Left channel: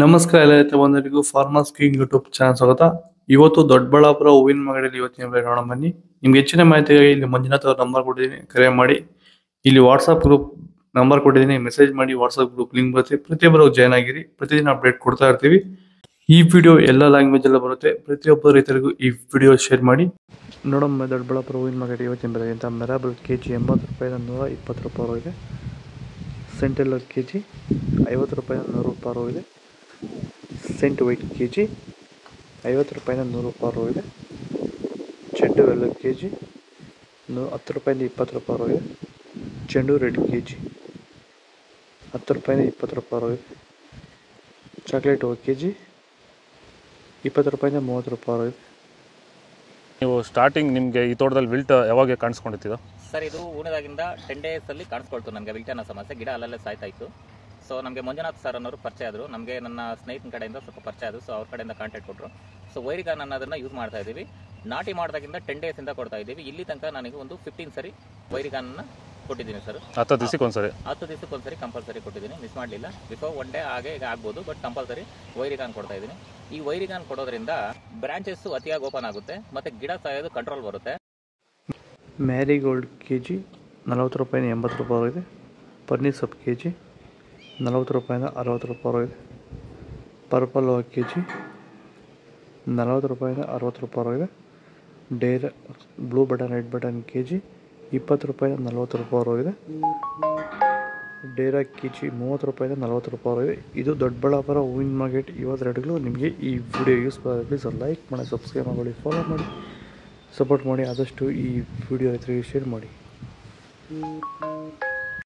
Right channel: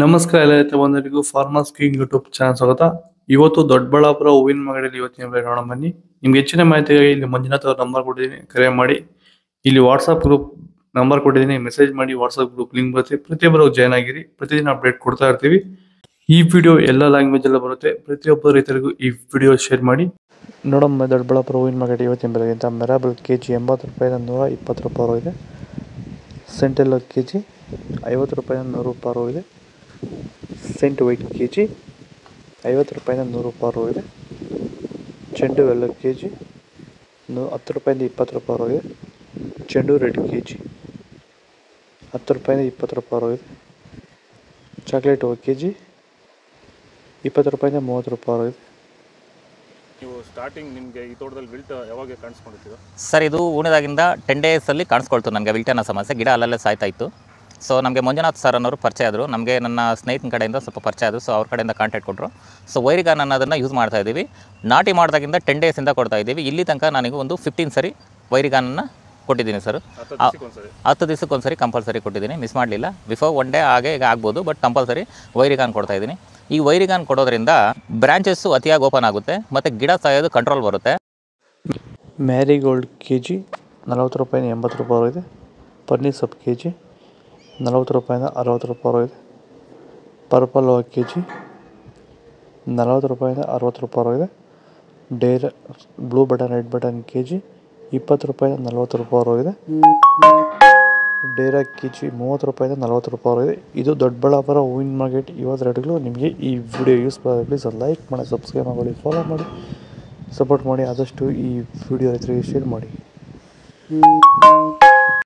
ನಮಸ್ಕಾರ ಎಲ್ಲ ರೈತ ಬಂಧುಗಳಿಗೂ ಫಾರ್ಮರ್ಸ್ ಕಿಂಗ್ ಯೂಟ್ಯೂಬ್ ಚಾನಲ್ ಸ್ವಾಗತ. ಇವತ್ತು ದೊಡ್ಡಬಳ್ಳಾಪುರ ಹೂವಿನ ಮಾರ್ಕೆಟಲ್ಲಿ ಇವತ್ತಿನ ಬೆಲೆ ನೋಡೋಣ ಬನ್ನಿ. ನಿಮ್ಗೆ ಹೆಚ್ಚಿನ ಮಾಹಿತಿಗಾಗಿ ಇಲ್ಲಿ ಮಂಜುನಾಥ್ ಅವ್ರ ನಂಬರ್ ಕೊಟ್ಟಿದ್ದೀನಿ, ಕರೆ ಮಾಡಿ. ಇಲ್ಲಿ ವಾಟ್ಸ್ಆಪ್ ಗ್ರೂಪ್ ನಂಬರ್ ಕೊಟ್ಟಿದ್ದೀನಿ, ಮೆಸೇಜ್ ಮಾಡಿ. ವಾಟ್ಸ್ಆಪ್ ಗ್ರೂಪ್ ಲಿಂಕ್ ಬರುತ್ತೆ, ಪ್ರತಿಯೊಬ್ಬರು ಜಾಯ್ನ್ ಆಗಿರಿ. ಪ್ರತಿದಿನ ಅಪ್ಡೇಟ್ ಕೊಡ್ತಾ ಇರ್ತೀವಿ. ಈ ವಿಡಿಯೋ ಎಲ್ಲ ಲ್ಯಾಂಗ್ವೇಜ್ ಎಲ್ಲ ಬರುತ್ತೆ. ಪ್ರತಿಯೊಬ್ಬ ರೈತರಿಗೂ ಈ ವಿಡಿಯೋ ಶೇರ್ ಮಾಡಿ. ನೋಡಮ್ಮ, ದೊಡ್ಡಬಳ್ಳಾಪುರ ಹೂವಿನ ಮಾರ್ಕೆಟ್ ಇವತ್ತಿನ ಬೆಲೆ ಅಂತ ಮೆರಾಬಲ್ ಕೆಜಿ 80 ರೂಪಾಯಿ 120 ರೂಪಾಯಿ ಇದೆ. ಸೆಂಟೆಲ್ ಕೆಜಿ 50 ರೂಪಾಯಿ 100 ರೂಪಾಯಿ ಇದೆ. ಸೆಂಟ್ ವೈಟ್ ಕೆಜಿ 50 ರೂಪಾಯಿ 100 ರೂಪಾಯಿ ಇದೆ. ಚೆಂಡು ಎಲ್ಲ ಕೆಜಿ 10 ರೂಪಾಯಿಂದ 20 ರೂಪಾಯಿ ಇದೆ. ಚೆಂಡು ರೆಡ್ ಕೆಜಿ 10 ರೂಪಾಯಿಂದ 20 ರೂಪಾಯಿ ಇದೆ. ಚಾಕ್ಲೇಟ್ ಕೆಜಿ 20 ರೂಪಾಯಿಂದ 30 ರೂಪಾಯಿ ಇದೆ. ನೀವು ಸ್ಟಾರ್ಟಿಂಗ್ ನಿಮಗೆ ಈ ತೋಟದಲ್ಲಿ ವಿಲ್ಟ್ ಯಾವಾಗ ಕಾಣಿಸ್ಕೊಂಡಿದ್ದೀರಾ ಸರ್? ಇದು ಉಣಿದಾಗಿಂದ 10 ಡೇಸಲ್ಲಿ ಕಾಣಿಸ್ಕೊಳ್ತು ನನಗೆ ವಿಲ್ಟ್ ಅನ್ನೋ ಸಮಸ್ಯೆ. ಗಿಡ ಅಲ್ಲಲ್ಲೇ ಸಾಯ್ತಾ ಇತ್ತು. ಸೊ ನಮಗೆ ಮಂಜುನಾಥ್ ಸರ್ ಅನ್ನೋರು ಪರಿಚಯ ಆದರು, ನಮಗೆ ನನ್ನ ಸ್ನೇಹಿತನ ಕಡೆಯಿಂದ ಸ್ವಲ್ಪ ಪರಿಚಯ ಆದರು. ಸೊ ಅವ್ರ ಕಡೆಯಿಂದ ಕಾಂಟ್ಯಾಕ್ಟ್ ಕೊಟ್ಟರು. ಸೊ ವೈರಿಗಾನ್ ಅನ್ನೋದನ್ನು ಯೂಸ್ ಮಾಡ್ತಾ ಇದ್ದೀವಿ. ನಾಟಿ ಮಾಡಿದಾಗಿಂದ 10 ಡೇಸಿಂದ ಕೊಡ್ತಾ ಇದ್ದೀವಿ. ಇಲ್ಲಿ ತನಕ ನನಗೆ ಒಂದು 15 ಸರಿ ವೈರಿಗಾನನ್ನು ಕೊಟ್ಟಿದ್ದೀನಿ ಸರ್. 10 ದಿವಸಕ್ಕೊಂದ್ಸರಿ 10 ದಿವಸಕ್ಕೊಂದ್ಸರಿ ಕಂಪಲ್ಸರಿ ಕೊಟ್ಟಿದ್ದೀನಿ, ಮಿಸ್ ಮಾಡಲಿಲ್ಲ. ಬಿಫೋರ್ 1 ಡೇ ಹಾಗೆ ಈಗ ಆಗ್ಬೋದು, ಬಟ್ ಕಂಪಲ್ಸರಿ ವೈರಿಗಾನ್ ಕೊಡ್ತಾ ಇದ್ದೀನಿ. ಈ ವೈರಿಗಾನ್ ಕೊಡೋದ್ರಿಂದ ಬ್ರಾಂಚಸ್ಸು ಅತಿಯಾಗಿ ಓಪನ್ ಆಗುತ್ತೆ ಮತ್ತು ಗಿಡ ಸಾಯೋದು ಕಂಟ್ರೋಲ್ ಬರುತ್ತೆ. ಮ್ಯಾರಿಗೋಲ್ಡ್ ಕೆಜಿ 40 ರೂಪಾಯಿಂದ 80 ರೂಪಾಯಿ ಇದೆ. ಪನ್ನೀರ್ ಸೊಪ್ಪು ಕೆಜಿ 40 ರೂಪಾಯಿಂದ 60 ರೂಪಾಯಿ ಇದೆ. ಪರ್ಪಲ್ ಕೆಜಿ 40 ರೂಪಾಯಿಂದ 60 ರೂಪಾಯಿ ಇದೆ. Blue button red button KG 20 ರೂಪಾಯಿಂದ 40 ರೂಪಾಯಿ ಇದೆ. ಡೇರಾ ಕೆಜಿ 30 ರೂಪಾಯಿಂದ 40 ರೂಪಾಯಿ ಇದೆ. ಇದು ದೊಡ್ಡಬಳ್ಳಾಪುರ ಹೂವಿನ ಮಾರ್ಕೆಟ್ ಇವತ್ತು ರೇಟ್ಗಳು. ನಿಮಗೆ ಈ ವಿಡಿಯೋ ಯೂಸ್ಫುಲ್ ಆಗಿ ಪ್ಲೀಸ್ ಲೈಕ್ ಮಾಡಿ, ಸಬ್ಸ್ಕ್ರೈಬ್ ಮಾಡಿ, ಫಾಲೋ ಮಾಡಿ, ಸಪೋರ್ಟ್ ಮಾಡಿ. ಆದಷ್ಟು ಈ ವಿಡಿಯೋ ರೈತರಿಗೆ ಶೇರ್ ಮಾಡಿ.